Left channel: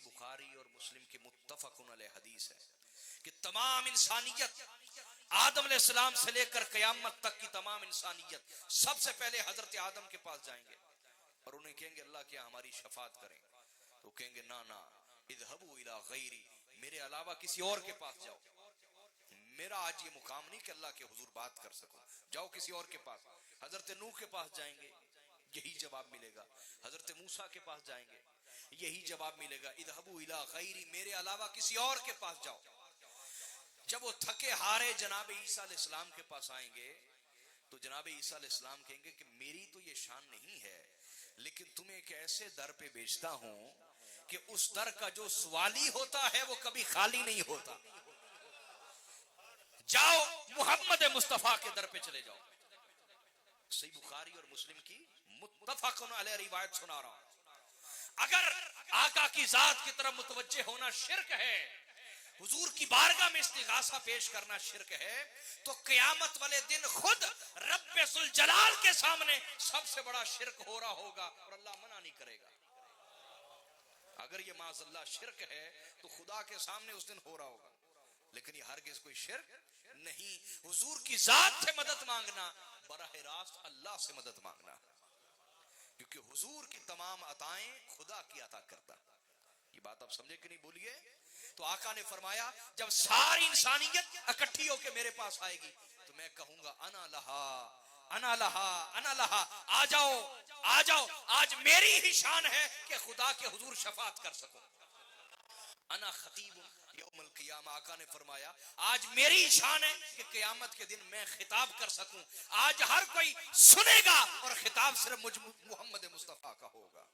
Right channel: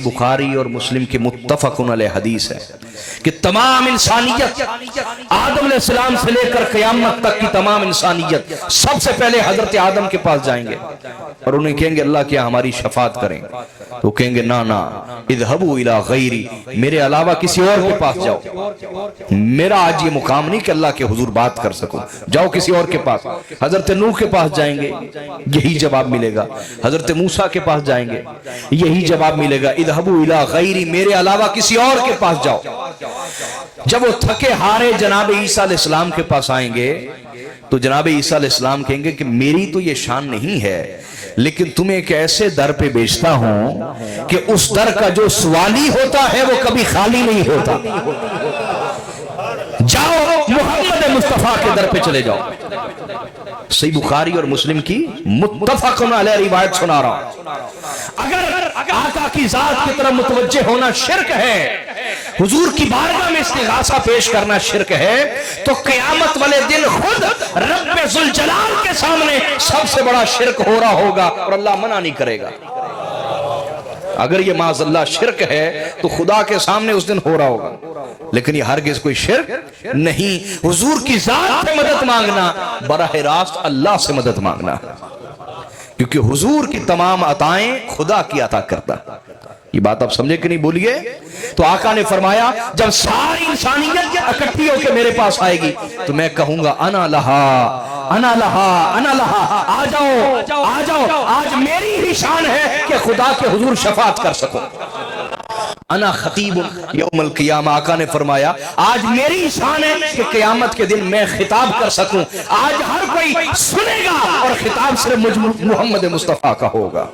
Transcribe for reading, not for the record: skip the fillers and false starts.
बुखारी और मुस्लिम की मुत्तफ़क़ुन अलैह हदीस है कि तमाम इंसानियत आदम अलैहिस्सलाम से लेकर क़यामत तक की तमाम इंसानियत सबसे पहले हजरत आदम के पास जाएंगे और उन्हें कहेंगे अल्लाह क्या हमारी शफाअत करें। तो कहेंगे ना ना इज़हबू इला गैरी, मेरे अलावा किसी और के पास जाओ, मेरा आज ये मुकाम नहीं कि अल्लाह के हुजूर बात कर सकूं, जाओ किसी और के पास। हजरत नूह के पास जाएंगे, यही जवाब मिलेगा। हजरत मूसा के पास जाएंगे, यही जवाब मिलेगा, इज़हबू इला गैरी, मेरे अलावा किसी और के पास जाओ। जब वो थके हारे जनाब ईसा अलैहिस्सलाम के पास आएंगे तो जनाब ईसा अलैहिस्सलाम कहेंगे कि मेरी तो ये शान नहीं है, लेकिन तुम्हें एक ऐसे दर पे भेजता हूं कि उस दर का जो सवाली होता है वो कभी खाली नहीं होता। जाओ मोहम्मद मुस्तफा के दर पे चले जाओ। सही बुखारी और मुस्लिम की मुत्तफ़क़ुन अलैह रिवायत सुना रहा हूं। अगर आका की जात की तरफ मुतवज्जे होना शिर्क है, हुजूर की बारगाह में इस्तिग़ासा पेश करना शिर्क है, तो क़यामत वाले दिन खुद रब्बे ज़ुल जलाल के सामने सबसे बड़ा शिर्क हो रहा होगा और अल्लाह मना नहीं करेगा। अगर ये माज़अल्लाह शिर्क है तो खुदा के सामने उस दिन हो रहा होगा, लेकिन ये हरगिज़ कोई शिर्क नहीं। हुजूर की जात से मदद मांगना बराह रास्त अल्लाह से मदद मांगना, क्योंकि हुजूर की तमाम अताएं खुदा की अता करता। ये बात आप समझे कि नहीं, बोलिए। तो आका ने फरमाया जब सारी इंसानियत इकट्ठी होकर मेरे पास आएगी तो मैं कहूंगा अना लहा अना लहा अना लहा, आ जाओ आ जाओ, आज मेरी ही शान है कि खुदा के हुजूर शफाअत कर सको। अना खतीब यौमल क़ियामा, आका ने फरमाया आज मेरी शान है कि क़यामत के दिन मैं खिताब कर सकूं। आज हर कोई सुनेगा और खिताब सिर्फ मुहम्मद मुस्तफा का होगा।